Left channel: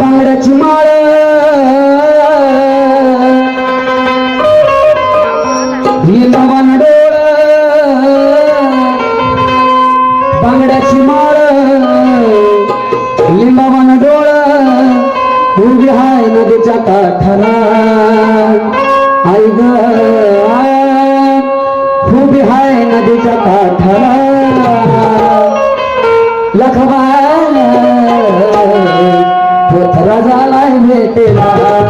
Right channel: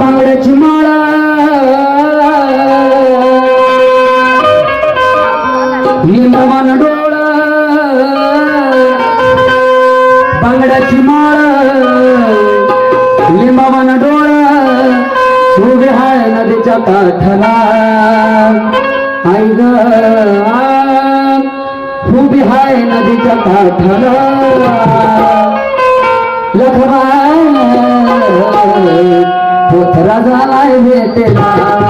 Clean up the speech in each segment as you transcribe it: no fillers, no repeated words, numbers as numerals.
बांगड्याची माळ लिंबामान डोळ बांगड्याची माळ लिंबामान डोळ उभी हाय नदीच्या काठाला आई ग उभी हाय नदीच्या काठाला लखबा राजालाय भेटेला राजालाय भेटेला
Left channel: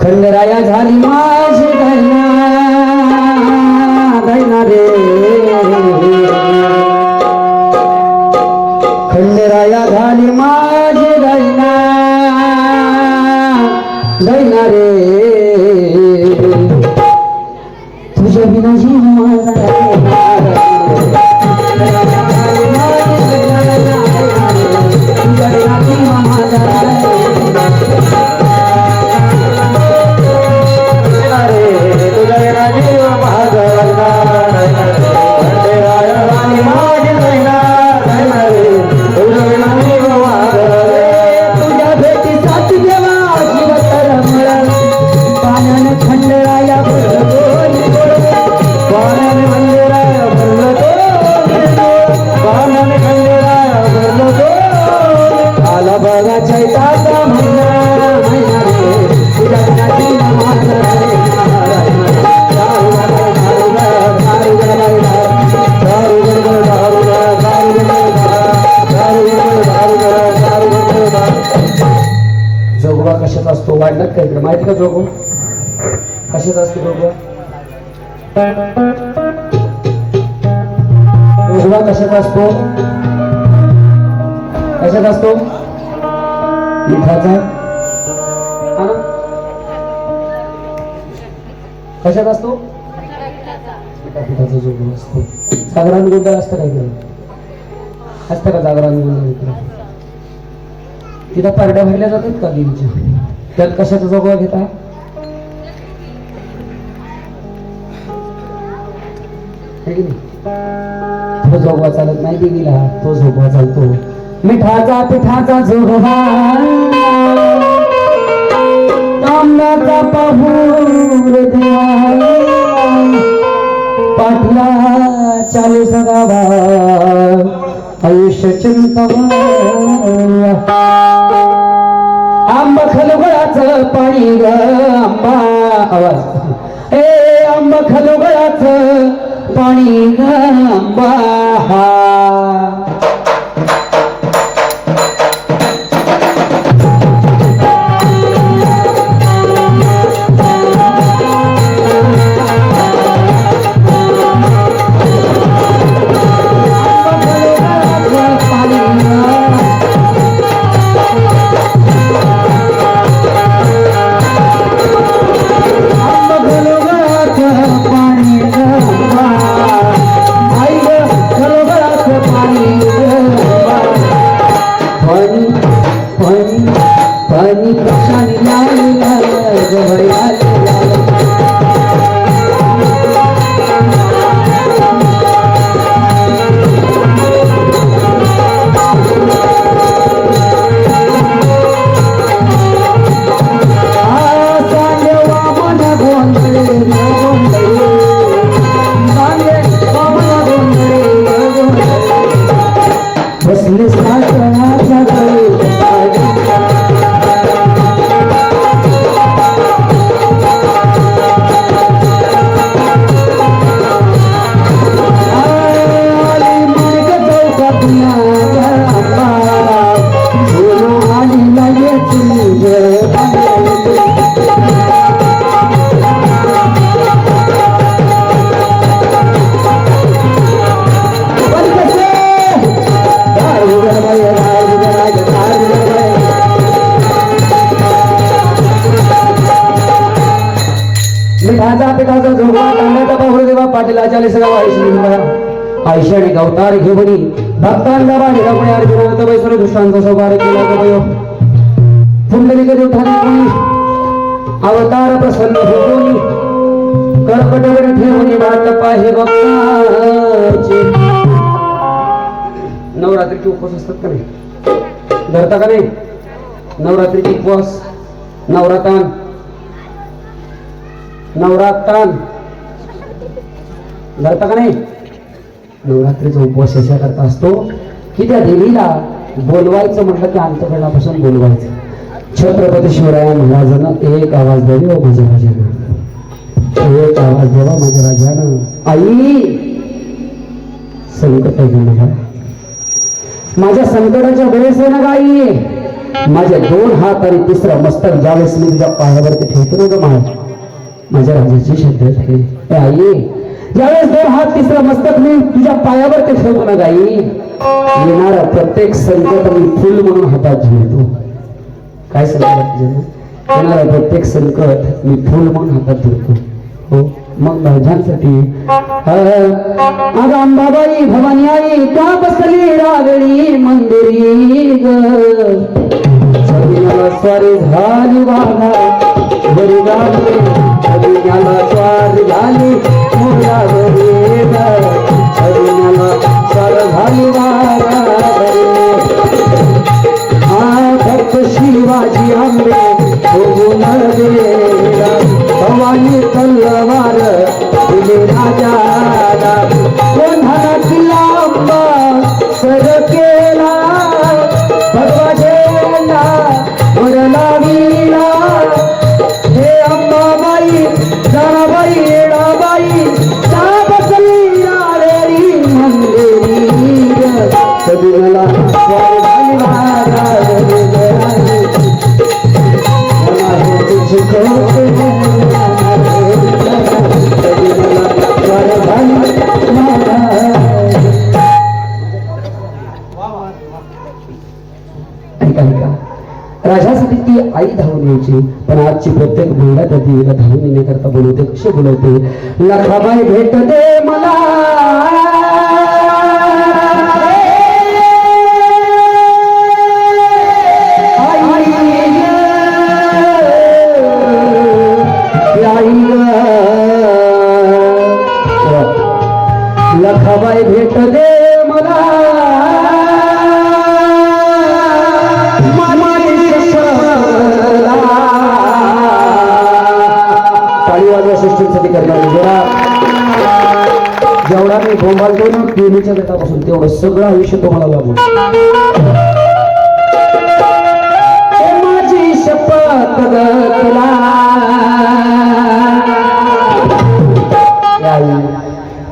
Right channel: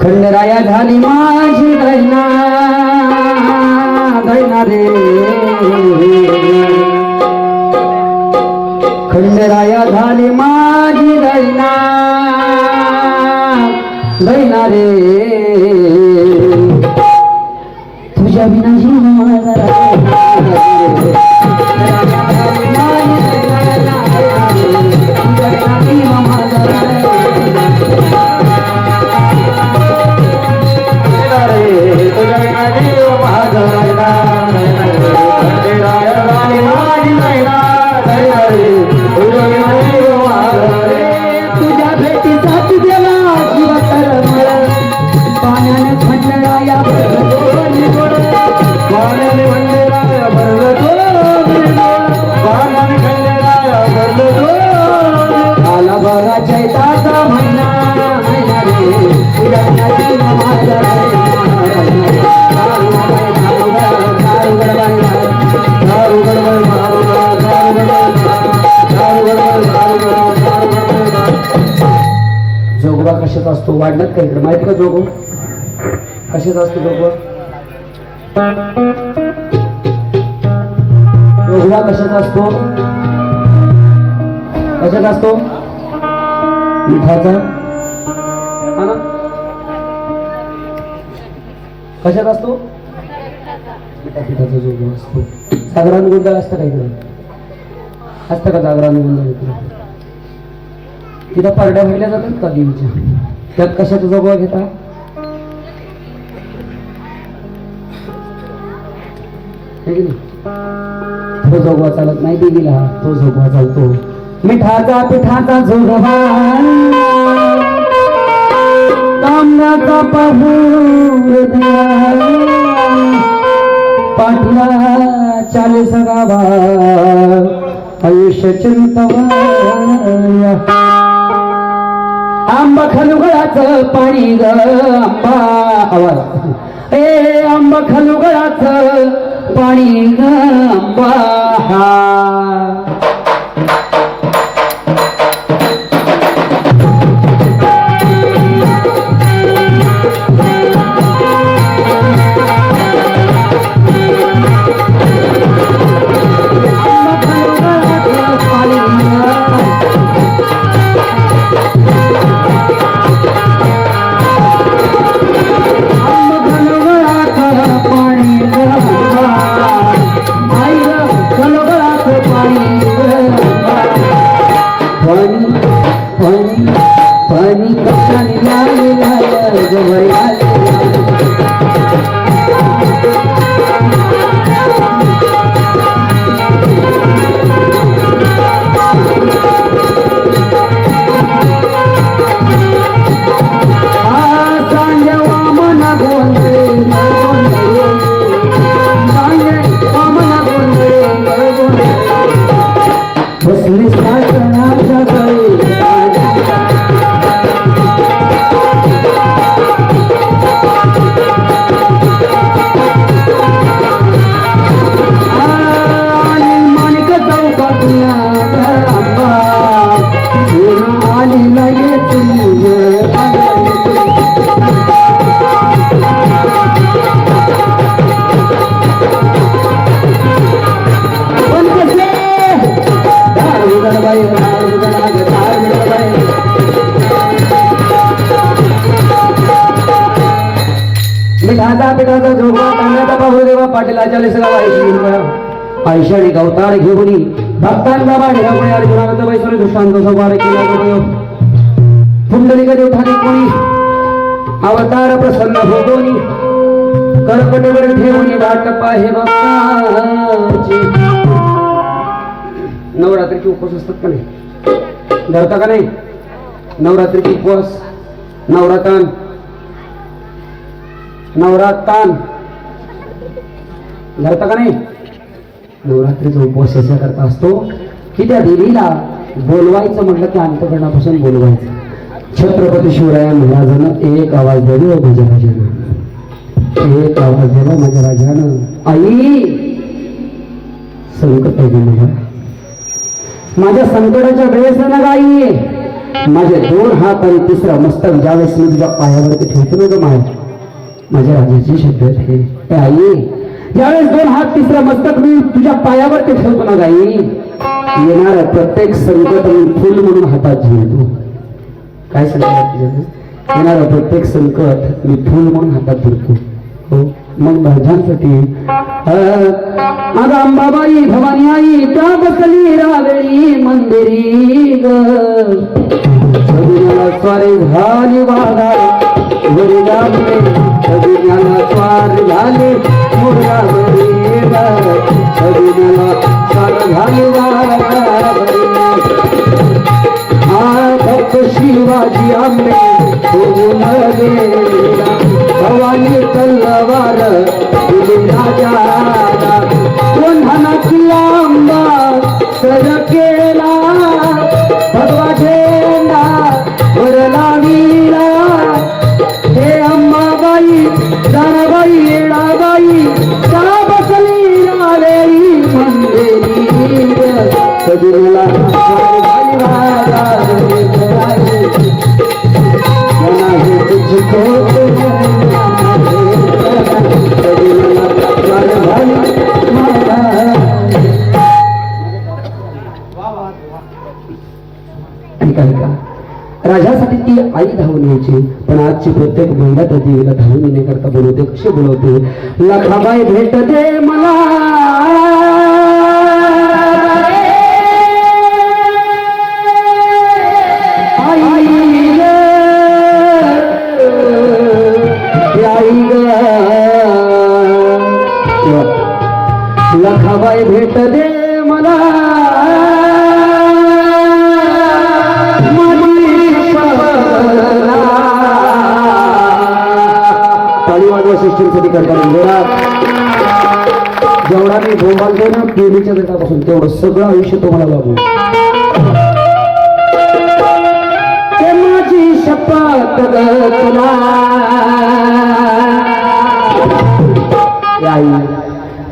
खंडराया झाली माझी दैना दैना रे खंडराया झाली माझी दैना दैना रे तुझ्या बिना जीव माझा जोगवा कशात असतो वाढलात का इकडे माहिती का जोगवा कशात असतो जोगवा जोगवा कशात असतो मिठाचा कशात असतो मिठाचा जोगवा असतो जागरण गोंधळ असतं का इकडे असतं का जागरण गोंधळ इकडे तिथं पारड्या भरल्या जातात का देवीच्या त्यात कशाचा जोगवा घेता तो जोगवा चालत नाही देवीला तो जोगवा चालतो मिठाचा पिठाचा जोगवा तांब्याचा पाहूर पाटला 40 गावा आयुष्य चिंतवाया आंबा खलुगळाचं पाणी ग आंबा आवाज ए आंबा खलुगळाचं पाणी ग आंबा पाणी बसले पिठाचा जोगा तांब्याचा पाहुदेवा पाटीला 40 गावा आयशी आणि गवतार घेऊनी भक्तांना बाहेर कोणी अर्जुनाचा बैसोरे दुष्टांचा सौभार केला गयो पुंडलिक देवताने कोणी अवतार प्रसन्न होऊनी कर्कटवर ठेवून वाट पाहे भक्ताची नवरात्रीचे उपवास असतात का नाही धरता का नाही नवरात्रीचे उपवास नवरात्रान धरता का नाही नवरात्रीचा उपवास याच्याकरता असतो की त्या देवीला बोलवायचं म्हटलं की अंतकरणापासून बोलवायचं छत्रपती शिवराया महाराजांना एक आवाज द्यावा माझ्या राजानं एक आवाज द्यावा माझ्या राजानं आई संकट आहे माझ्या संकटाच्या वेळेस ना गाई माझे 2 हात आणि 3रा मस्तक ज्यावेळेस मी तुझ्या पायावरती ठेवतो ना माझ्या राजाची शब्द आहे आई ज्यावेळेस 2 हात 3रं मस्तक मी तुझ्या पायावरती ठेवतो ना गाई येणारा प्रत्येक संकट मी फुल म्हणून हातात घेतो काय संकट येणारा प्रत्येक संकट मी फुल म्हणून हातात धरतो हो मग भाज्यांसाठी अगं अंबाबाई भवानी आई त्या बसली रागणी मंदिरी ग सगळ्याला स्वारी झाली बाळा वरी गाणे सगळ्याला स्वार झाली मुलावरी सगळ्याला स्वार झाली हा फक्त शिवाजी आंबे सोडून गेला भवानी तलवार दिली राजाला कोणाला किल्ला सरकेला भगवा झेंडा वरला वीरा हे अंबाबाई जराबाई येणाबाई त्या बसली राळेरी मंदिरी कधी मला स्वारी झाली राजासाठी ती आई धावून यायची पण आजची प्रत्येक महिला त्या देवीला धावून येण्याकरता बोलवते कसे बोलवते लखाबाई भेट दे मला लखाबाई भेट दे मला पाळीवाल्या सिस्टीमसाठी करतात जेवढा मी बोंबालतो ना पेनीच्या बेटापासून तेवढं सगळं आयुष्य तुम्हाला लागू माझी शपथ तुला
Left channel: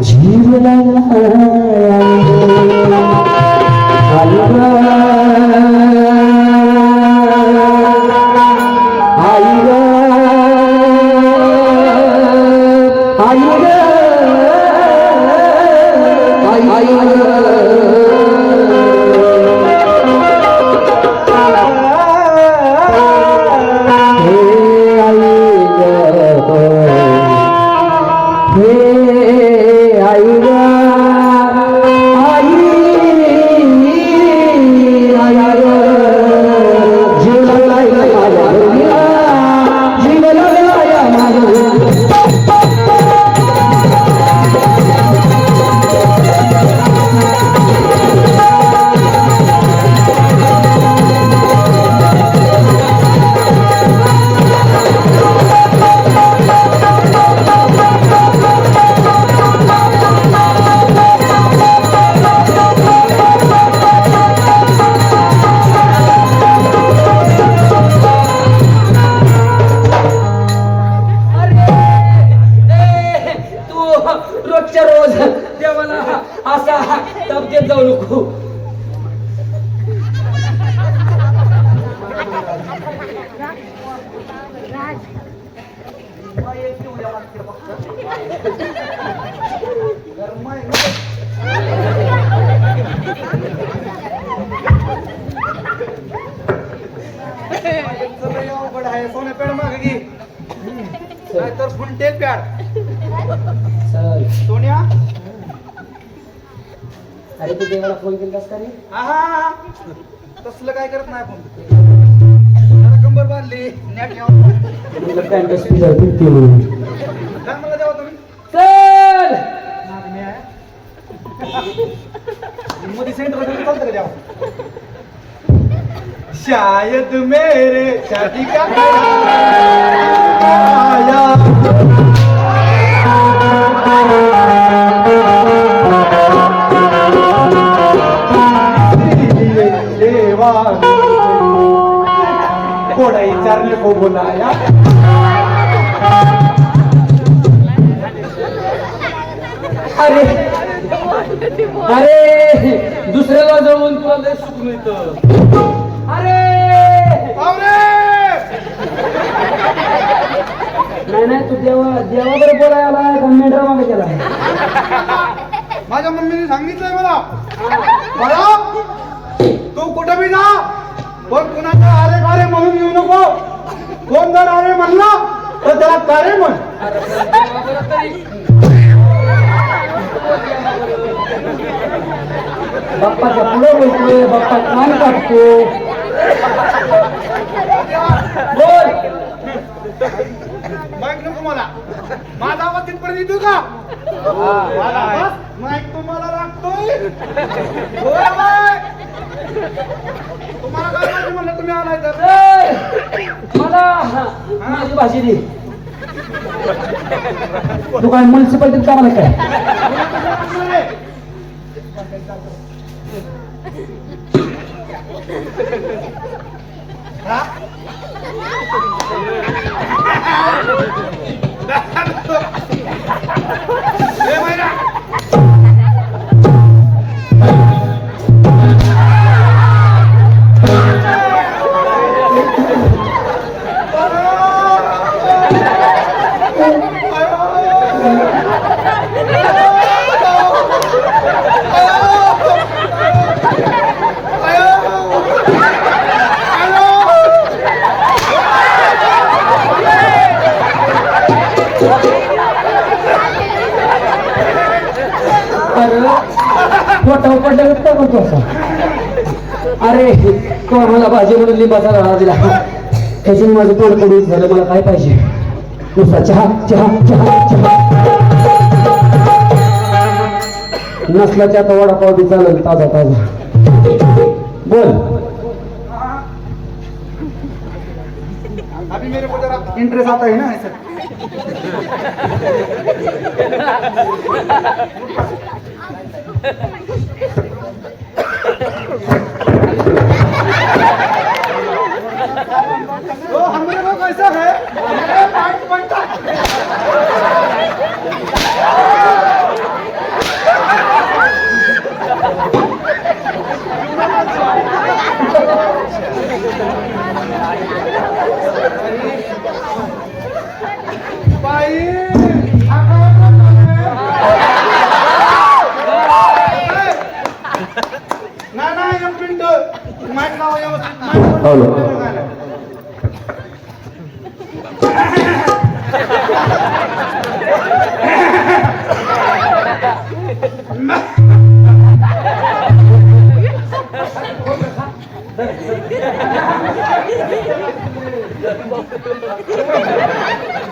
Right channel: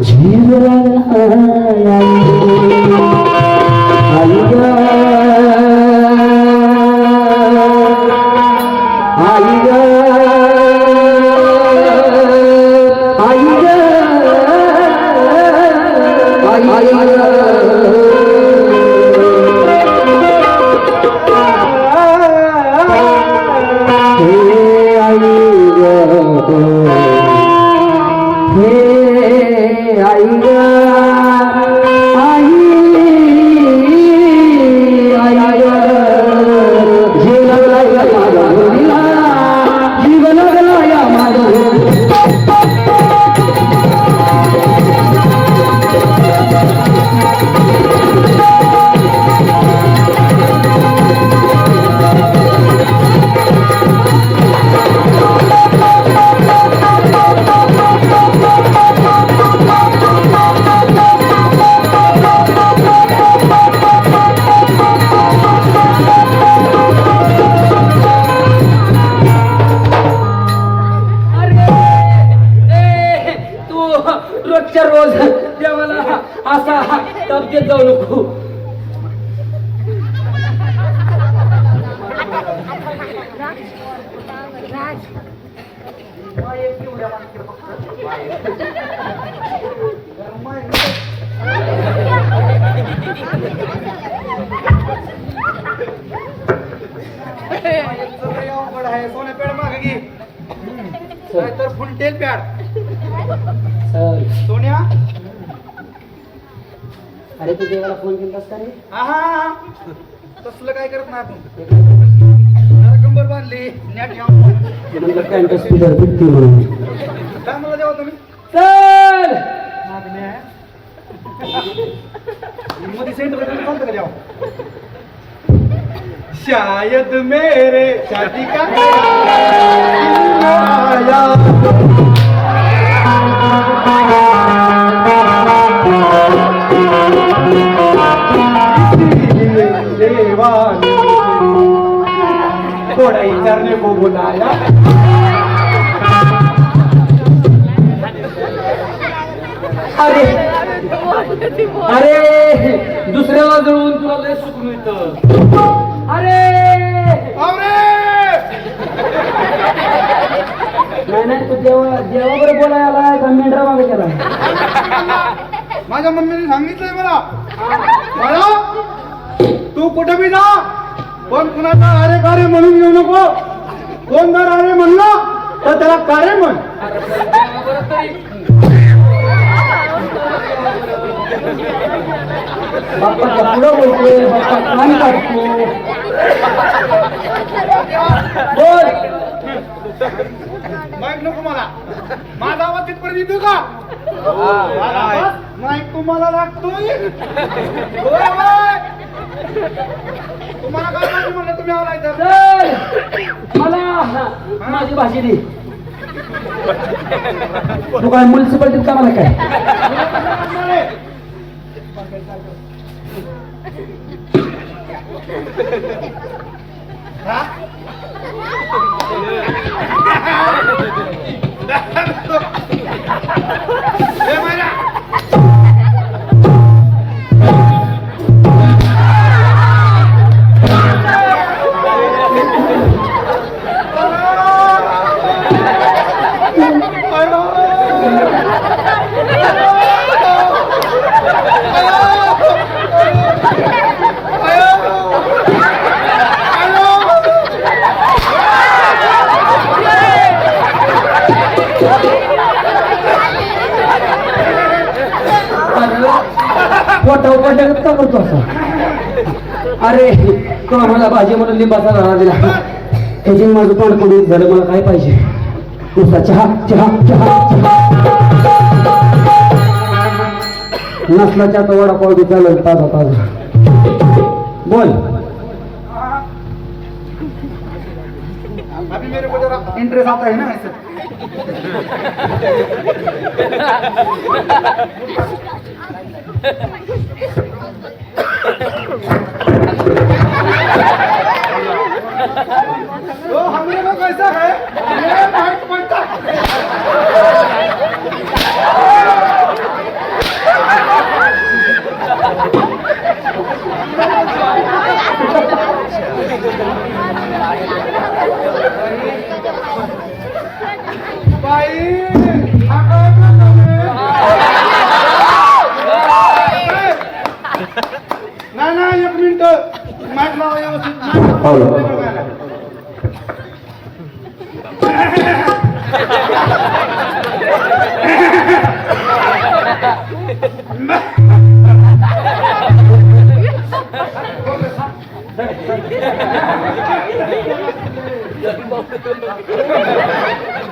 जीव रोजच्या रोज देवाला असा तप देत जाऊ नको. अवघड आहे. सोन्या पेड माग घे नाहीतर फुलटेल पॅड. सोन्या अरे तू देवाला फोन केलास का रे? हा तसलं काय करत नाही आपण. कंबर बांधली नेट म्हणलं पॅन्ट स्पीकर फिट केलं काय मला देवा तुम्ही चल मोदी सेंटर चालतं का द्यावं. शायद मेरे शादी का आया थोड़ा ही चरने को बुलाया. अरे अरे दुसऱ्याला जळून तुला लय सुख मिळतं. अरे नाही नाही तू देवावर बोलायला का मेंढरा मागे गेला? माझ्या मम्मीने सांगितलंय मला तू कुठे बी जा पण कुणाचा अरे कारे म्हणून येऊ नको. कोण जर अरे म्हणला तर त्याला कारे म्हण. अरे पण देवावर तरी बाप्पाच्या पुढं बोलतोय. बाप्पा कान कापतोय. बोल माईक नको मला. माझा आवाज तिथपर्यंत येतो का? माझा आवाज माईक तुम्हाला लागतोय. होय होय. तुम्हाला काय माहिती म्हणलं तुम्ही आलाय तर चल, मला माझी भाजी दे. तू काय म्युन्सिपाल्टीत कामाला काय? हा? मोठा उपडलं का बोलतो असा? अरे तो मला भाजी म्हणून लिंबाचा राळा दिला. त्याची माझं तोंड पडून झालं. मला काय पाहिजे? नुसता चहा चहा चहा चहा. नसल्याच्या तो वडापाव बी चालेल ताजा ताजा. बोल. अभी अभी मेरे को जरा इंटरेस्ट आता है ना ऐसा तो हमरे को कैसा है मेरे नाक बनता बाई हा काय प्रकार आहे? नाही नाही एक मिनिट माईक लावा व्यवस्थित माईक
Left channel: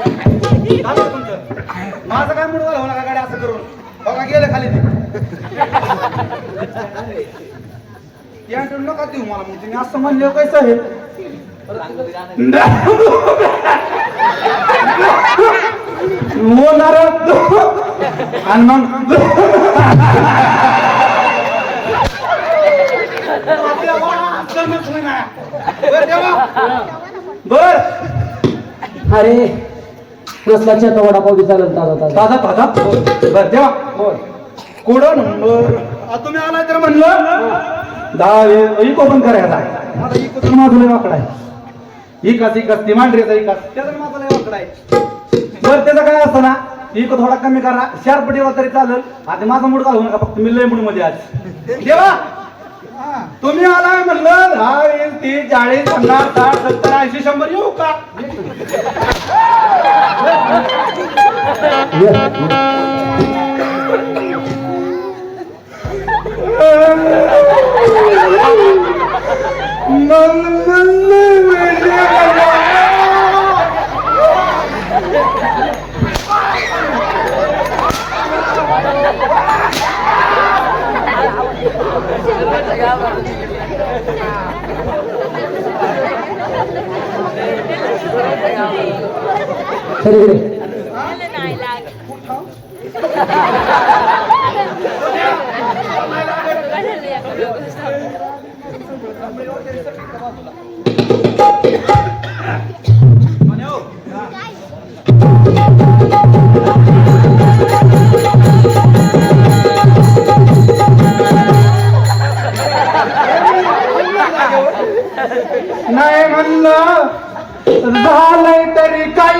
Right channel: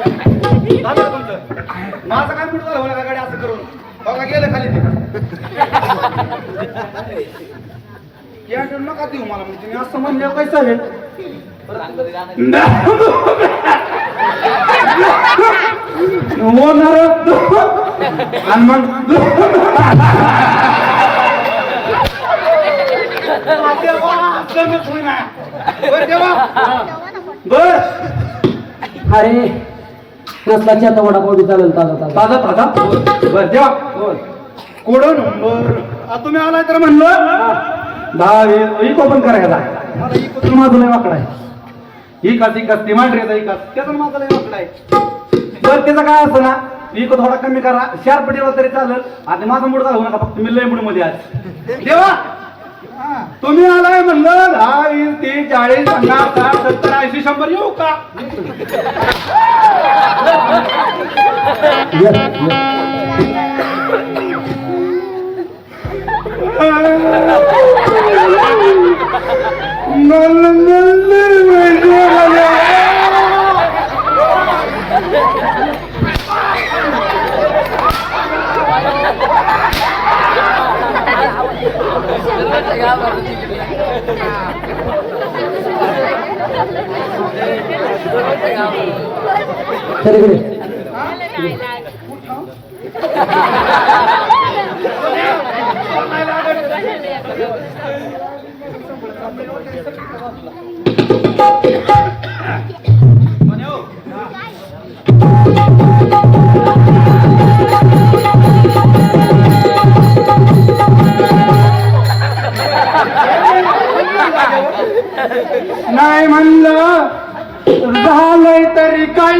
तुमचं माझं काय मुडवाल होणार गाडी असं करून बघा गेलं खाली या नका देऊ मला मग तुम्ही असं म्हणले कसं आहे होणार आणि मग बर अरे नसलाच्या तो वडापाव बी चालेल ताजा ताजा ताजा ताजा बर जेव्हा बोल कोडो नंबर तुम्ही आलाय तर म्हणलं 10 इको पण करायचा आहे माझा इको तर माझं लय वाकडा आहे इकाच ती मांडरीचा इकाच त्याचा माझा लय वाकडा आहे जर त्याचा काय असतं ना इको थोडा कमी करा शार्प ठेवा तरी चालेल आता माझा मूड घालू नका फक्त मी लय मूड मध्ये आज देवा तुम्ही आलाय म्हणलं 10 30 40 50 60 70 80 100 येऊ का तरी इकडे नाही म्हणलं झालंय तरी काय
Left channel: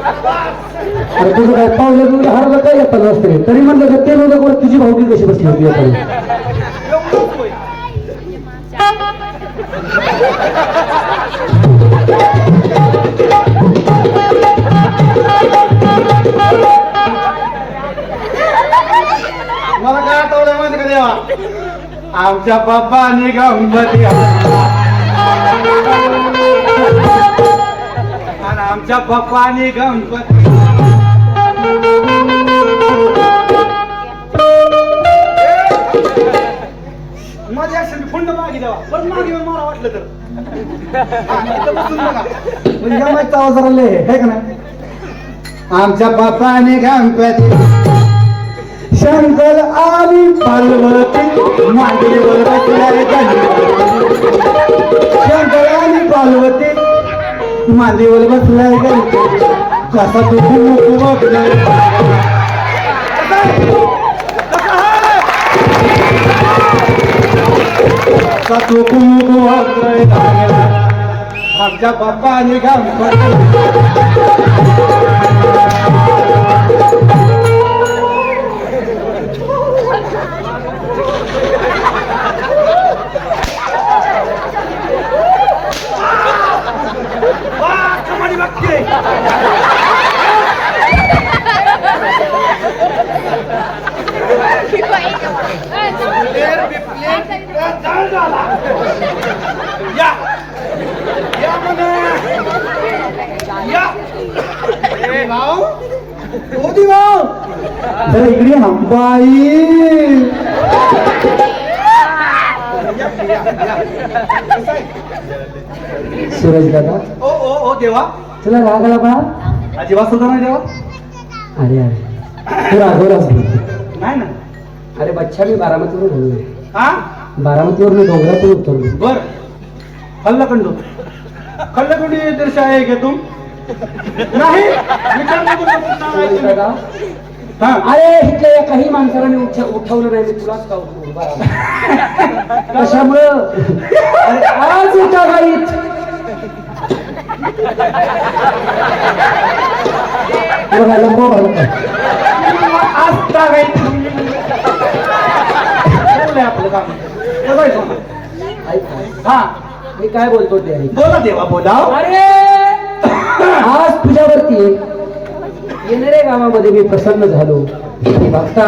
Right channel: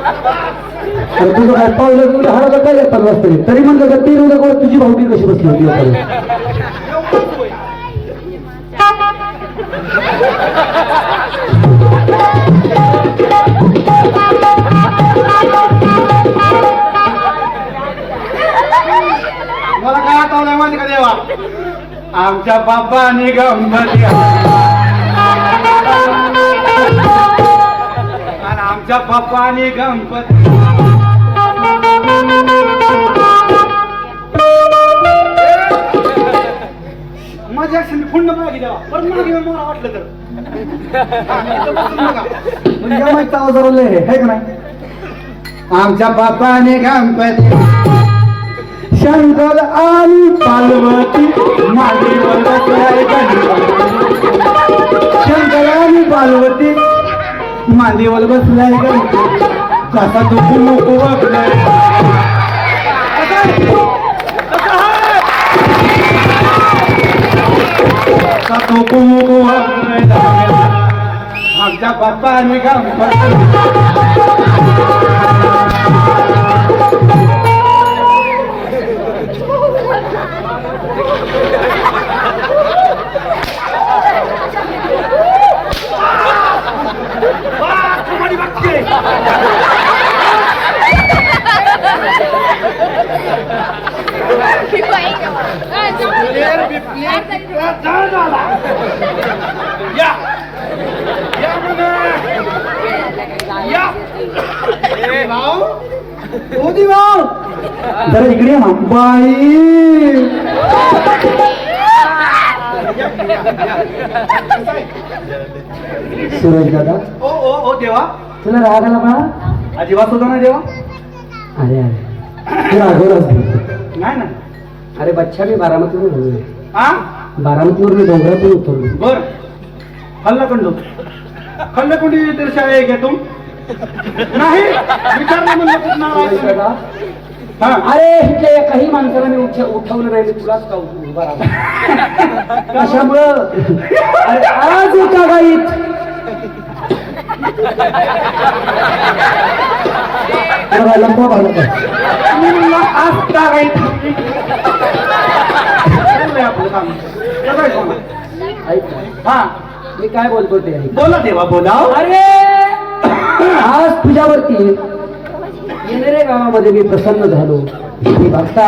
अरे तुझं काय पावलं तुझं हरवलं काय येतात वाजता तरी म्हणलं का ते रोज तुझी भावकी कशी बसली होती आता? मला काय आठवलंय माहिती का देवा आमच्या बाप्पानी गंमती आणि आमच्या बाप्पानी गणपती माझ्या फुंड मागे द्यावा पण मागे येऊन मला वाटलं तर इथं बसून बघा म्हणजे माहिती आवाज आहे का नाही आमच्या बाप्पाने गणपती शंकर आणि पार्वती मांडीवर बसलाय गणपती शंकर आणि पार्वती मांडीवर बसलाय गणपती कसा तो कुमुकू वागलाय कसा तो कुमुकू वागलाय आमच्या बाप्पाने गणपती या या म्हणा या भाऊ ओ देवा जरा इकडे हा बाई सूरज दादा ओ ओ ओ देवा तुला राग आला बा? अजिबात सुद्धा ना देवा अरे अरे तू रागवलाच नाही ना अरे बच्चा मी बारामतीवर गेलोय. हा बारामतीवर मी डोंगरातून उतरलो. बर खल्लाखंडू खल्लाखंडी दर्शा आहे का तुम नाही विचारलं म्हणलं कुठं नाव आहे सूरज तुम्ही? दादा हा अरे इथल्या एकाही माणसाला मी उठवलं नाही. मी तुलाच का उठवू कशामुळं अरे आज एका गाईत बघा लंबा भरला काय आता काही चाललंय आपलं काम कसं आहे सोमा? ऐक ना. हा मी काय बोलतो ते ऐक. बोला देवा बोला अरे आज तुझ्यावरती येणाऱ्या गावामध्ये मी प्रसन्न झालो. मी बघता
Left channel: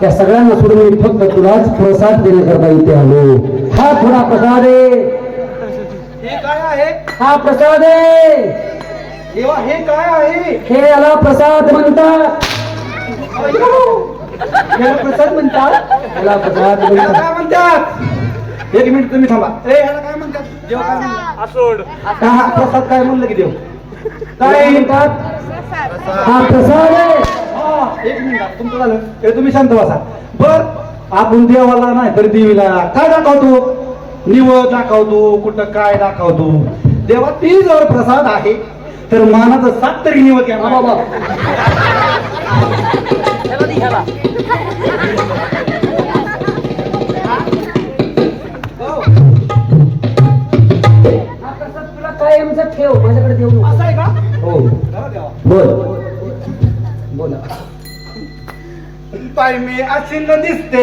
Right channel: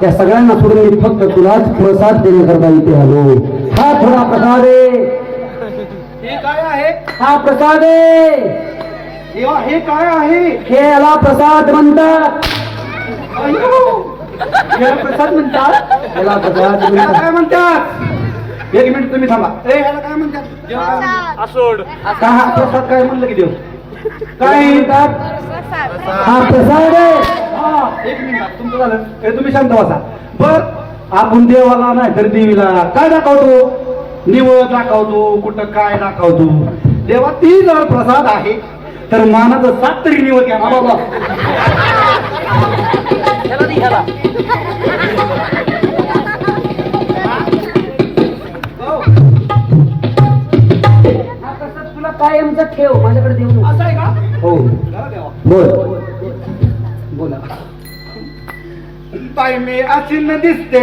त्या सगळ्यांना सोडून मी फक्त तुलाच प्रसाद देण्याकरता इथे आलो. हा थोडा प्रसाद आहे. हे काय आहे हा प्रसाद आहे. देवा हे काय आहे हे याला प्रसाद म्हणतात. अय्यो! याला प्रसाद म्हणतात याला प्रसाद याला म्हणतात. काय म्हणतात एक मिनिट तुम्ही थांबा ए ह्याला काय म्हणतात देव काय म्हणतात काय हा प्रसाद काय म्हणलं की देव काय काय म्हणतात? हा प्रसाद आहे. हा एक मिनिट तुमचं झालं हे तुम्ही शांत बसा बर आपण देवाला नाही तर देवीला काय दाखवतो निवड दाखवतो कुठं काय दाखवतो देवा ती जर प्रसाद आहे तर मानाचं 7 तरी निवड घ्या बाबा हा प्रसाद तुला कायमचा ठेव. माझ्याकडे देऊ नको. असं आहे का हो जरा देवा बोल बोला. पाय मी अशी न दिसते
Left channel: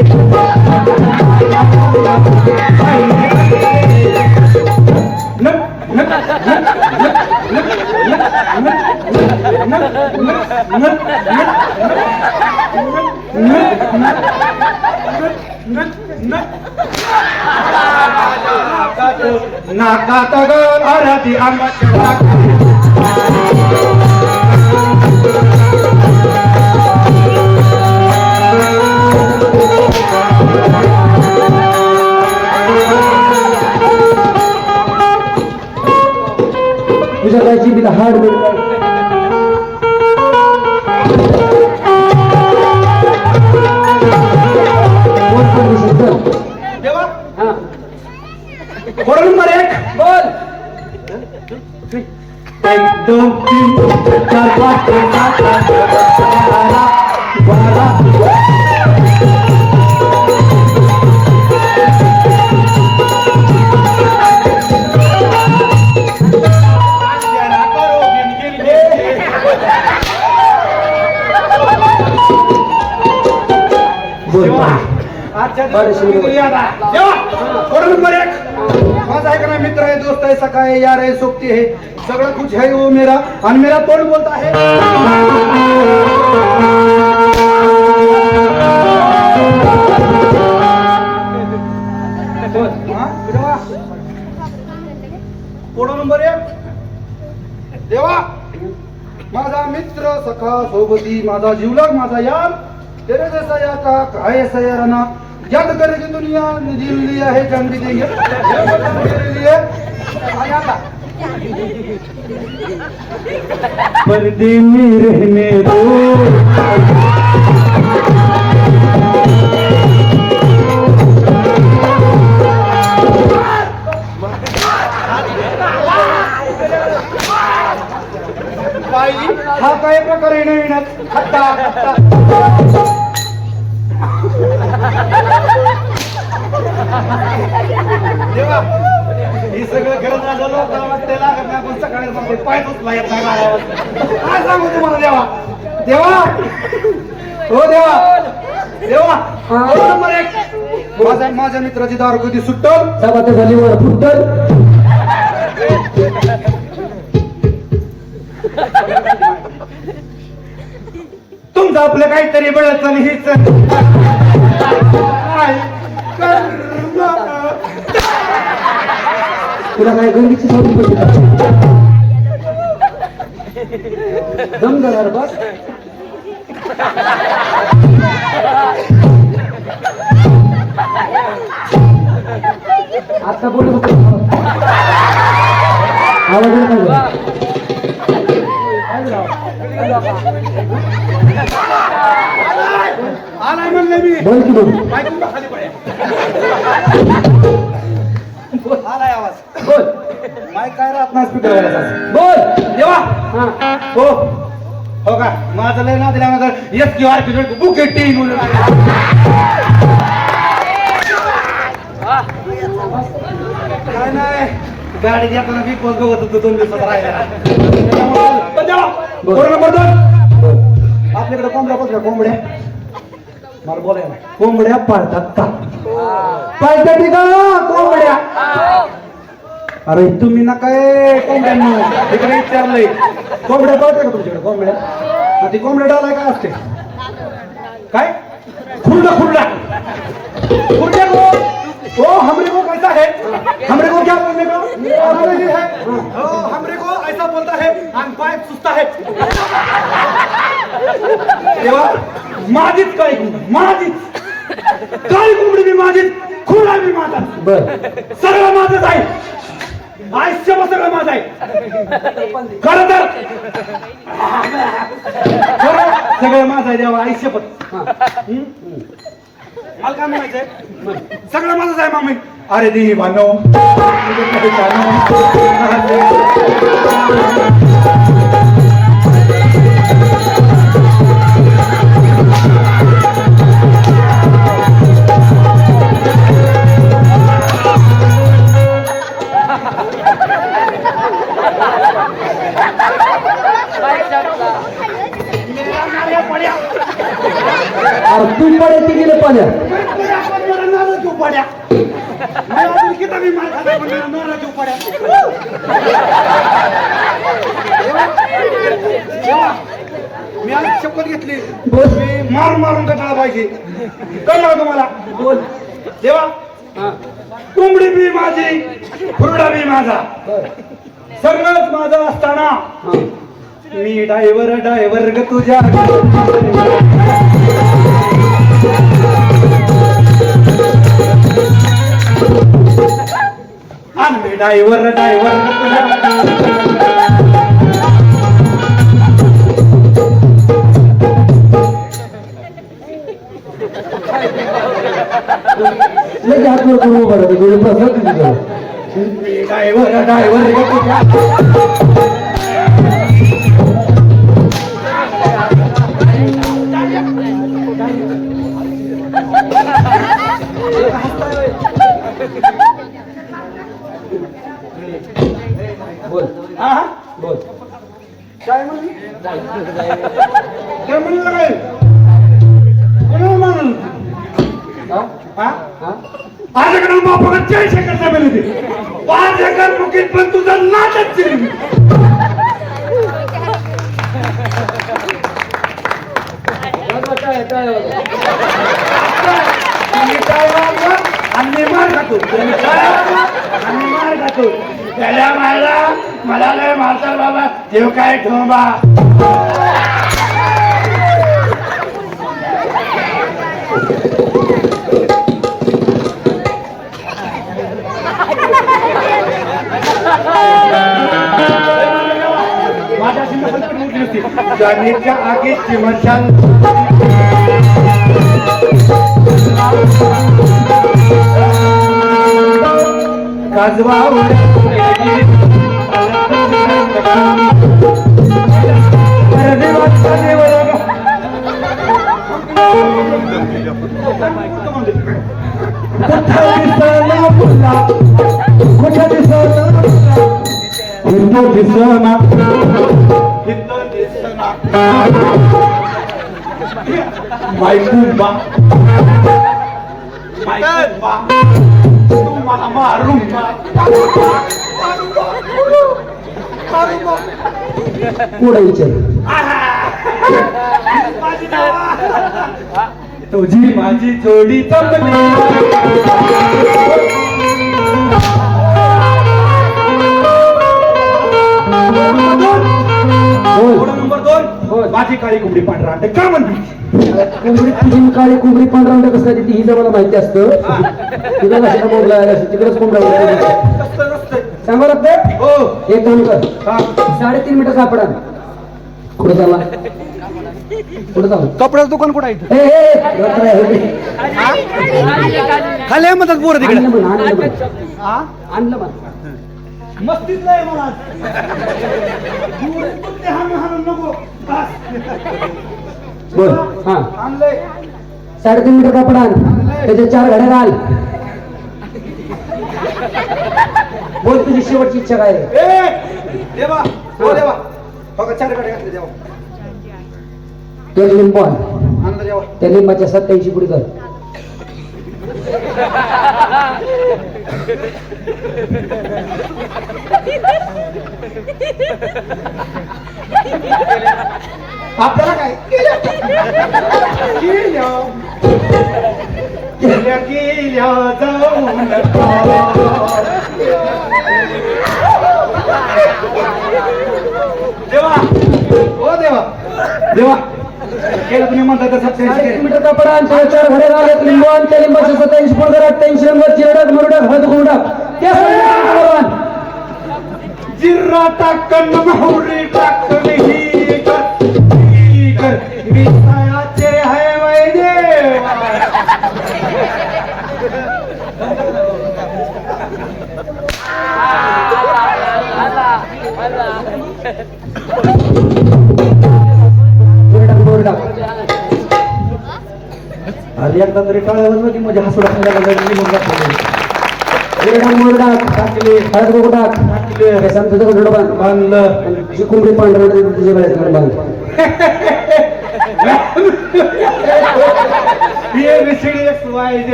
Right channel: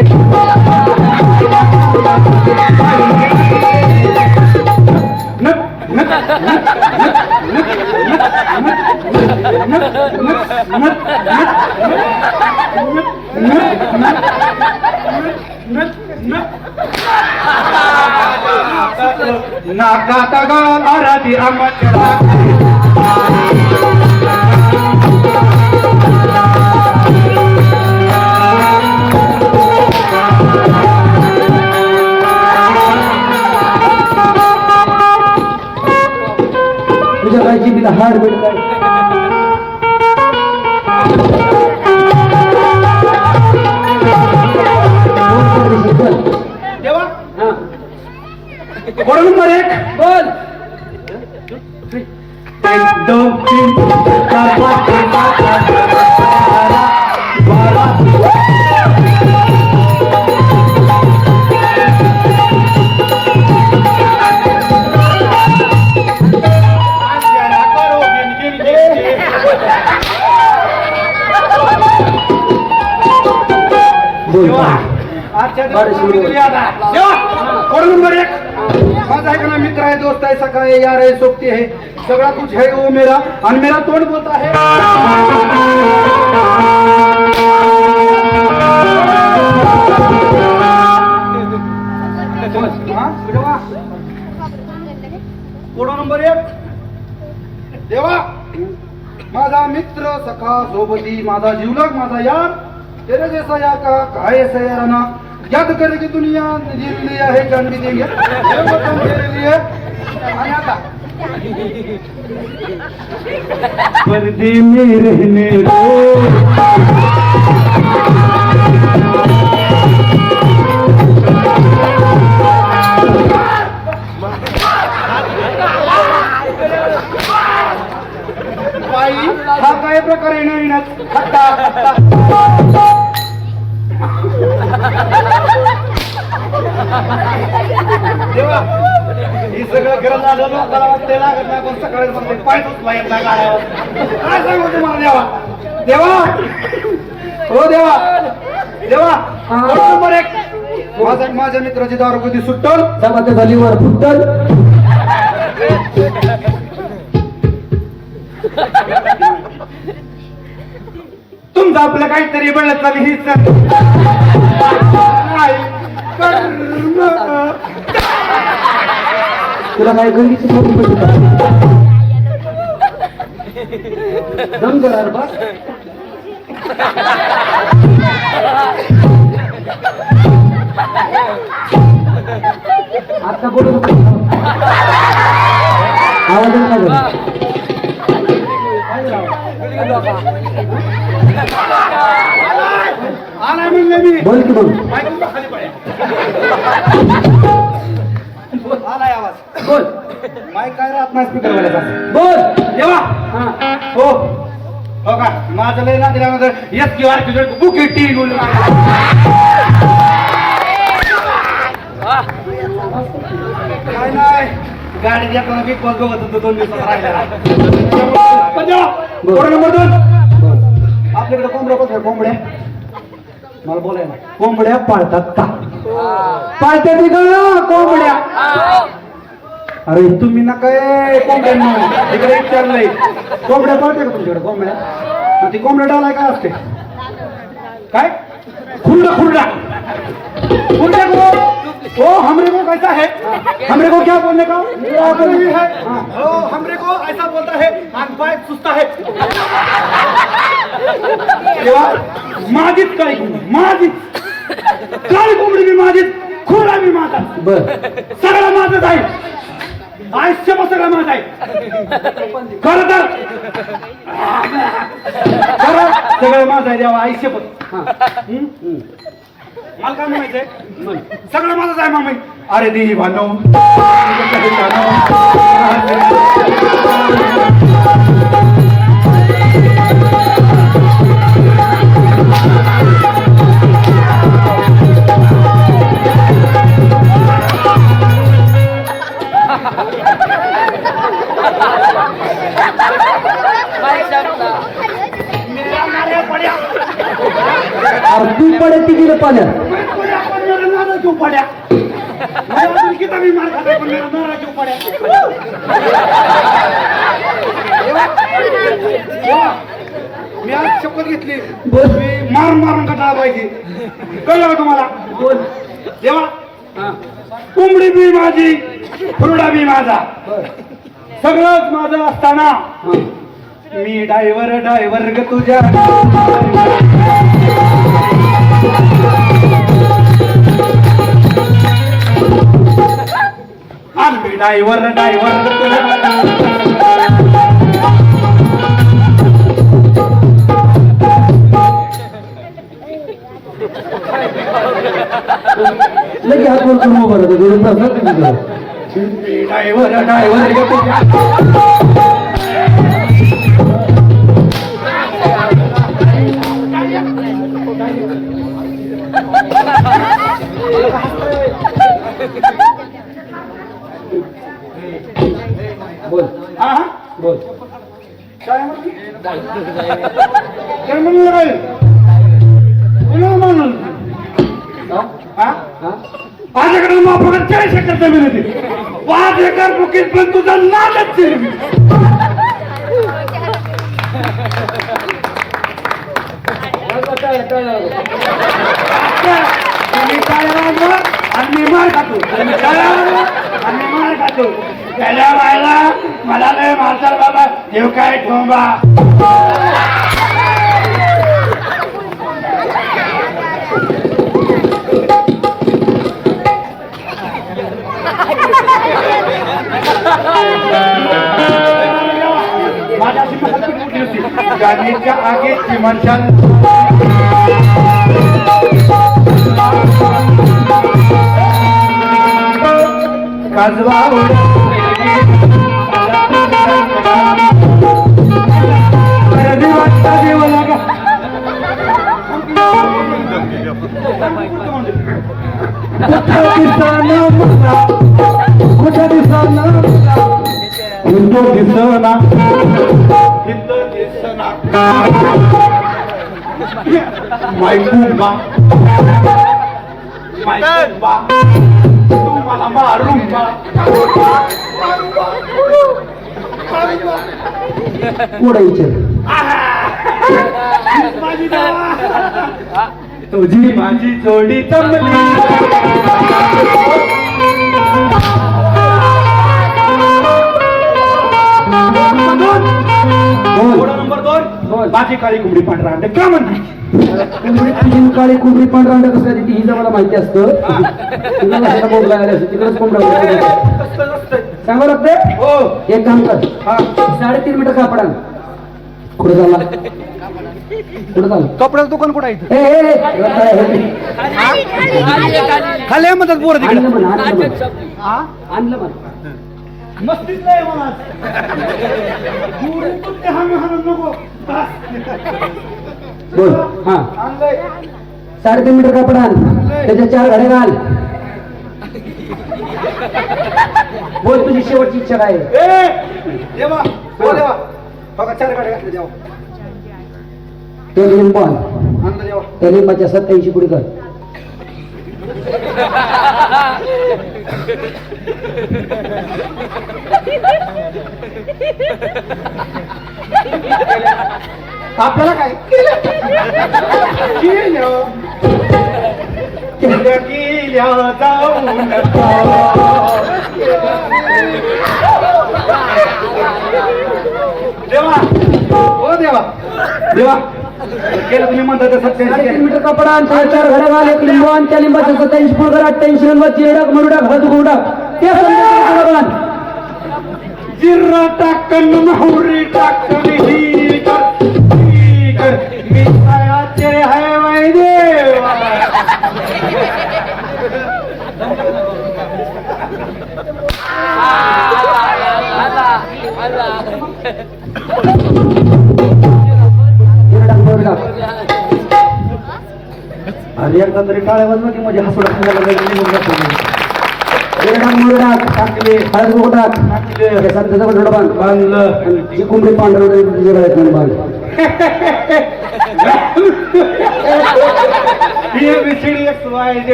नाकात गाल आराधी आंबाच्या तुझ्या गायची मी हाड बेड काय देवा हा कोड नंबर 1 बोल. 1 2 3 4 5 6 बोल आजच्या बरं, शिव बोल. कोड नंबर 1 माझा एक ना मित्र आहे दोस्त आहे सखा आहे यार आहे सोबती आहे सगळा कुछ है वो मेरा आणि मेरा तोंड बोलता है देवा कोड नंबर 1 देवा माझा मित्र सखा सोबती माझा जीवलग माझा यार तेरे जैसा या का है ऐसा यार ना याद करके दुनिया जील लिया है जान भी देंगे मेरे वतन तेरे लिए आणि आता पर्दे में रहने दो बाई हा काय प्रकारे येण्यात खट्टा खट्टा देवा ही सगळं करत आलो लोकांना वाटते लागत नाही पण सकाळी म्हणते पाय उचला येत नाही गाड्यावर काय सांगू तुम्हाला देवा देवा हो देवा देवा कोड नंबर 1 माझ्या मित्राची दारू कधी सुट्टल चपाती झालीवर फुटल. तुमचं आपलं काहीतरी बळ चालू हीच तुला काय गंगीची सोडून पडली. दम जरा बस आता बोलू नको. आवाज काय झाला? आलाय म्हणलं मी. बोल की बोल. बायकोंना खाली पड्या. आलाय आवाज. बोल माईक काय राहत नाही स्पीकर वाल्याचा. बोल. देवा हा हो हो का माझं लय ना दिल्यामध्ये येत किंवा बुके टी बोलून काय नाही गाडी येताना मी कोण बघत होतो 2 दिवसात राहिलेला पण देवा पोरं नंबर 2 बोल. आपल्याकडे कोंबड्या बघ कोंबड्या मला बोलायला कोंबड्या पाळतात का पाळतात का कोंबड्या अरे तुम्ही ना काय कोंबड्यांनो इकडे विचारलंय कोंबड्या पाळते का तुमच्याकडे कोंबड्या आणि ती कोंबड्या डालाय काय असते काय खुरडा खुरडा खुरडा को हमरे को कैसा है हमरे को क्या बोलने का नहीं है ओ हमरे को ऐसा बोलता है आंख पाय सुस्ता है तेव्हा माझीच काळी कोंबडी माझीच काळी कोंबडी मी माझीच खुरडा मी माझा बर. सगळं माझंच आहे आयुष्य सगळं माझं आहे खरं तर खरं सगळं माझं आहे देवा आयुष्य पण मला काय म्हणायचंय सगळं माझंच आहे मामी अरे दी भानो तू पडे ती गेलं पाण्यात. क्यों पड्या मी अजून किती मी मार खाताय पण नारा क्यों पड्या देवा मी आज शपथ घेतली मी मार मारून कटाळा पाहिजे कळलं का तुम्हाला बोल. देवा हा कोंबडी बी माझी खुरडा बी माझा बर. सगळंच माझं असताना हा. मी डायव्हर ग तुझ्या आम्ही डायव्हर ग तुझ्या लगे हात वर करून उभं राहते. गेलं प्रसाद दिली त्याला. मी डायव्हर ग तुझ्या बोल. हा बोल. काय म्हणली काय म्हणलं काय कोणाला म्हणून हा हा हा माझ्याकडे माफकत 40 एकर जमीन होती 5 एकर बुकीत पण तुझा नाटक चिरवी वाजवा टाळ्या, टाळ्या वाजवा. तुम्ही काय वाजवा आणि मी मार खातो तुम्ही काय वाजवा आणि मी मार खातो गेल्या मायला मला काय मारतात बाबा देव काय ठोंबा माझ्याशी महत्त्वाची उठली होती जाणीच्या आगीची मशाल काजवा मायकुंबा मायकुंबा तू मला मारूंबा पुढे विचार. माझी देवा तुझी माझी जोडी जमली बोल. नंबर 2 बोल. माझी काळी कोंबडी पांढरा अंड का म्हणते कोंबडी तुझी काळी कोंबडी पांढरा अंड कसं ती ही मला माहिती असतं तुला कशाला मोडला तिकडेच कोंबडा सांगू लागते हो एक काम कर हा 3.5 मीटर कापड आण कुठे चालला कुठे चालला कपड्याचं दुकान कुठं आहे खाली म्हणतात बोर आणलं म्हण आणलं म्हण हा आणलं म्हण मस्तीच नाही मला हाणून हाणून नको बस बोल हा आणलंय 3.5 मीटर कापड आण त्याच्या 4 घड्या घाल बोल तुझी शेवटची इच्छा काय आहे? ए देवा हो देवा बघा 4 गाड्या घातल्या देवा तो लिंबू आण आणलं देवा त्या लिंबाच्या 87 पुढे कर आपल्याला काय केल्या जाऊ देवा हो देवा देवा केलं तुम्ही म्हणता तसं 3.5 मीटर कापड आण त्याच्या 4 घड्या घाल एक लिंबू आण त्या लिंबाच्या 87 पुढे कर 88 नंबर चिरडक मुरडक हळद गुंडक त्या संदर्भात आण जिरा टाकन मोहरी टाकन ही कर मी खायाचे है वैदेवा चिरडक मुरडक अरे एकदा तरी टाळ्यावर नव्हती म्हणजे हसू टाकण्याला निघून जातो चिरडक मुरडक टाकले हळद गुंडक टाकले त्या संताचा गडोड बांध बांधलं आणि जी कोंबडी पांढरवडी तुझ्या गळ्यात नेऊन बांध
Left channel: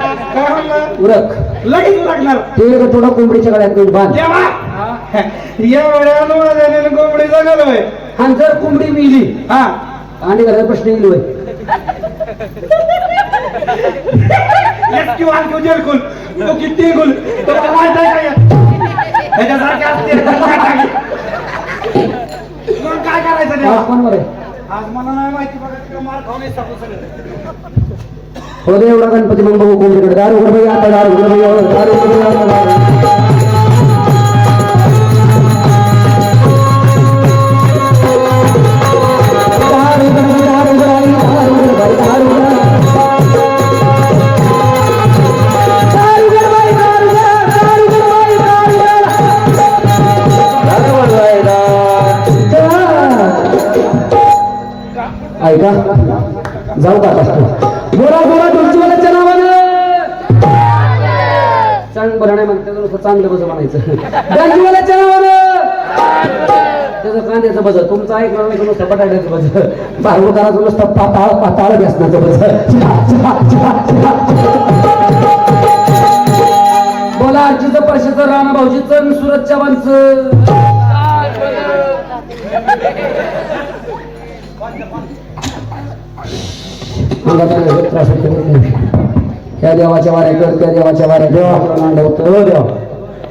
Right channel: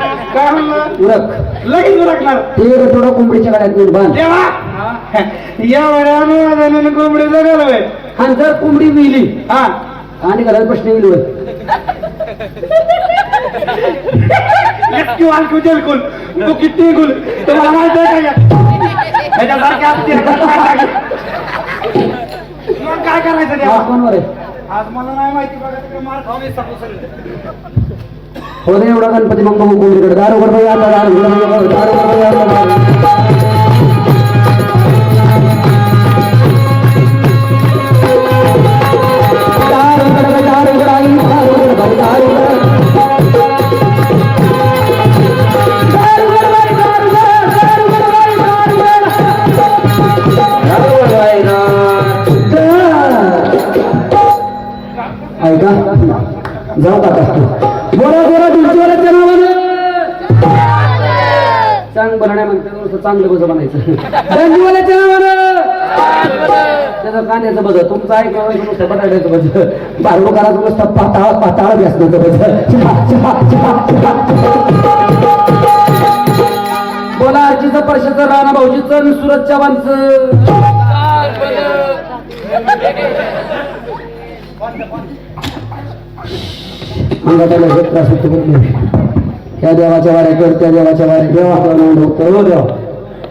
उरक लगेच उरकणार ते थोडा कोंबडीच्या गळ्यात नेऊन बांध देवा एवढ्या अनुवादाने कोंबडी जगालोय आणि जर कोंबडी मिली हा आणि घरात प्रश्न येईल होय एकटी वालकू जलकुल तो किती गुल तुम्हाला माहित आहे का ह्याच्यासारखे असते मग काय करायचं हा, देवा कोणवर आहे आज मला नाही माहिती बघा तिकडे मार खाऊन येतात सगळं हो दे एवढा गणपती मग बघू कोंबडीकडे दारू उघड बघा आता दारू उघड बघा दारू उघड बघा आता ऐका जाऊ का बोला बोला तुमच्या चांग बरं नाही म्हणते नुसतं चांगलं बज म्हणायचं गांजीवाल्याच्या नावानं त्याचं कांद्याचं बज तुमचं ऐकलं नुसतं बटाट्याचं बज बाहेर करायचं नुसतं पाताळ पाताळ व्यसनाचं बज बोला आजीचं परशाचं राणा भाऊजीचं सुरत चव्हाणचं अंगात आला त्रास होतो त्या देवाच्या वाड्या कर त्या देवाच्या वाड्या देवा देवा आंडवतो देवा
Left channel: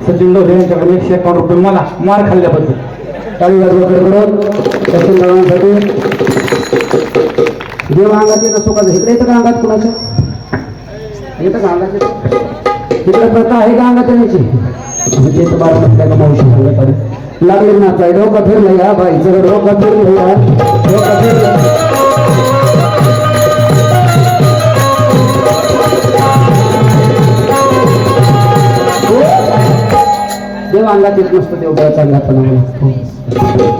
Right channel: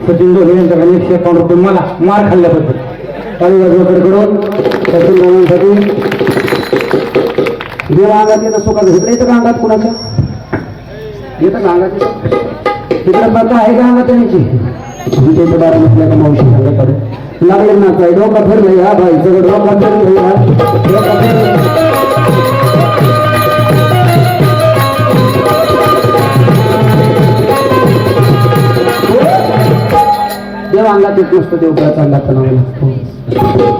सचिन डोळे यांच्याकडे 151 रुपये मला मार खाल्ल्याबद्दल चालू बाजूकडे करून सचिन डोळ्यांसाठी देवा अंगात येतं सुखाचं इकडे येतं का अंगात कुणाचं येतं का अंगात येतं तिकडे प्रथा आहे का अंगात येण्याची ते बारा म्हटल्या का मावशी सांगत लागले नाचाय डोका फिरलं या बाईचं डोका फिरलं डोका फिरलं देवा अंगात येत नसतो देवघराचा अंगात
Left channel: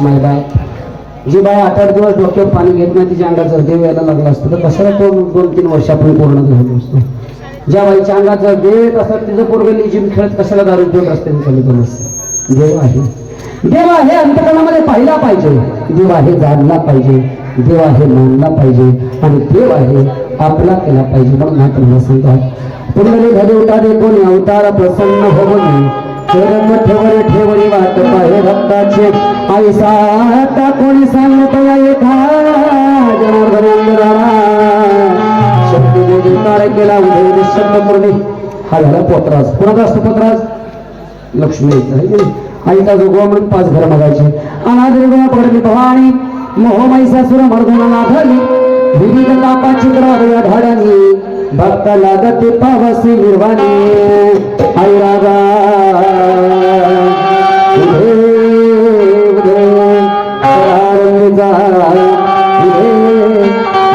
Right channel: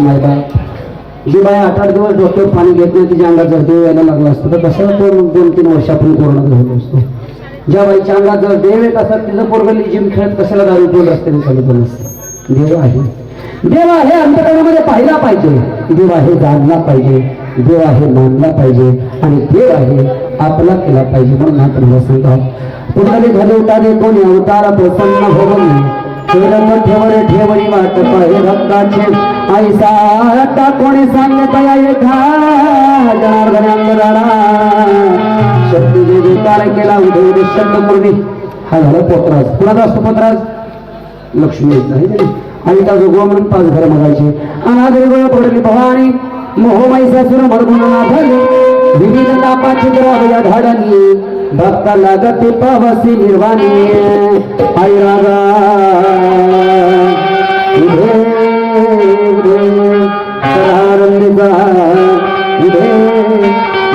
महिला जी बाई 8-8 दिवस डोक्यावर पाणी घेत नाही तिच्या अंगात जर देव यायला लागला असतो तर कशाला तो 2-3 वर्ष आपण कोरोना झालो असतो ज्या बाईच्या अंगात जर देव येत असतात तिचं पोरगली जिम खेळत कशाला दारू पिऊन रस्त्याने चालत नसतं देव आहे देव आहे अंतकरणामध्ये पाहिला पाहिजे देव आहे जाणला पाहिजे देव आहे मानला पाहिजे आणि देव आहे आपला केला पाहिजे म्हणून हा तुम्हाला सांगा पुढे घडवताने कोणी अवतार प्रसन्न होवनी चरण ठेवर ठेवरी वाट पाहे भक्ताचे ऐसा आता कोणी सांगता एका जनार्दन अंगदारा शक्ती देवी काळ केला उदय निशब्द पूर्वी हा झाला पोतराज कुणाचा असतो पोतराज लक्ष्मीचा आहे आईचा जोगवा म्हणून 5 घर मागायचे. अनादरी गोळा पडली भवानी मोहमाईसासुर मर्दनाला धरली विविध तापाची ग्राहया धाडणी भक्त लागते पावसी निर्वाणी. आई रागा उधे उधे सरारंगीचा उधे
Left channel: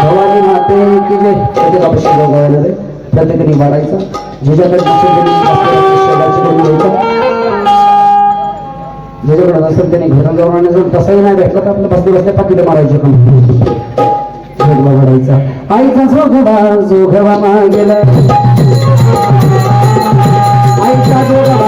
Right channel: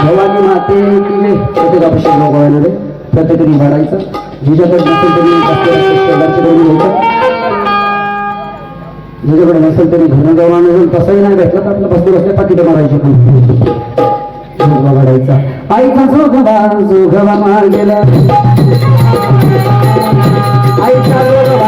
भवानी माते की जय. प्रत्येक अभिषेक गोळ्याला रे प्रत्येकाने वाढायचा. जिच्याकडे नसेल त्यांनी शेजारची करून घ्यायचा. जिच्याकडे नसेल त्यांनी घरून जाऊन आणून तसंही नाही भेटलं तर आपलं बसले बसले पाकिटं मारायचे. पण जोगवा वाढायचा. आईचा जोगवा जोगवा गेला आईचा जोगवा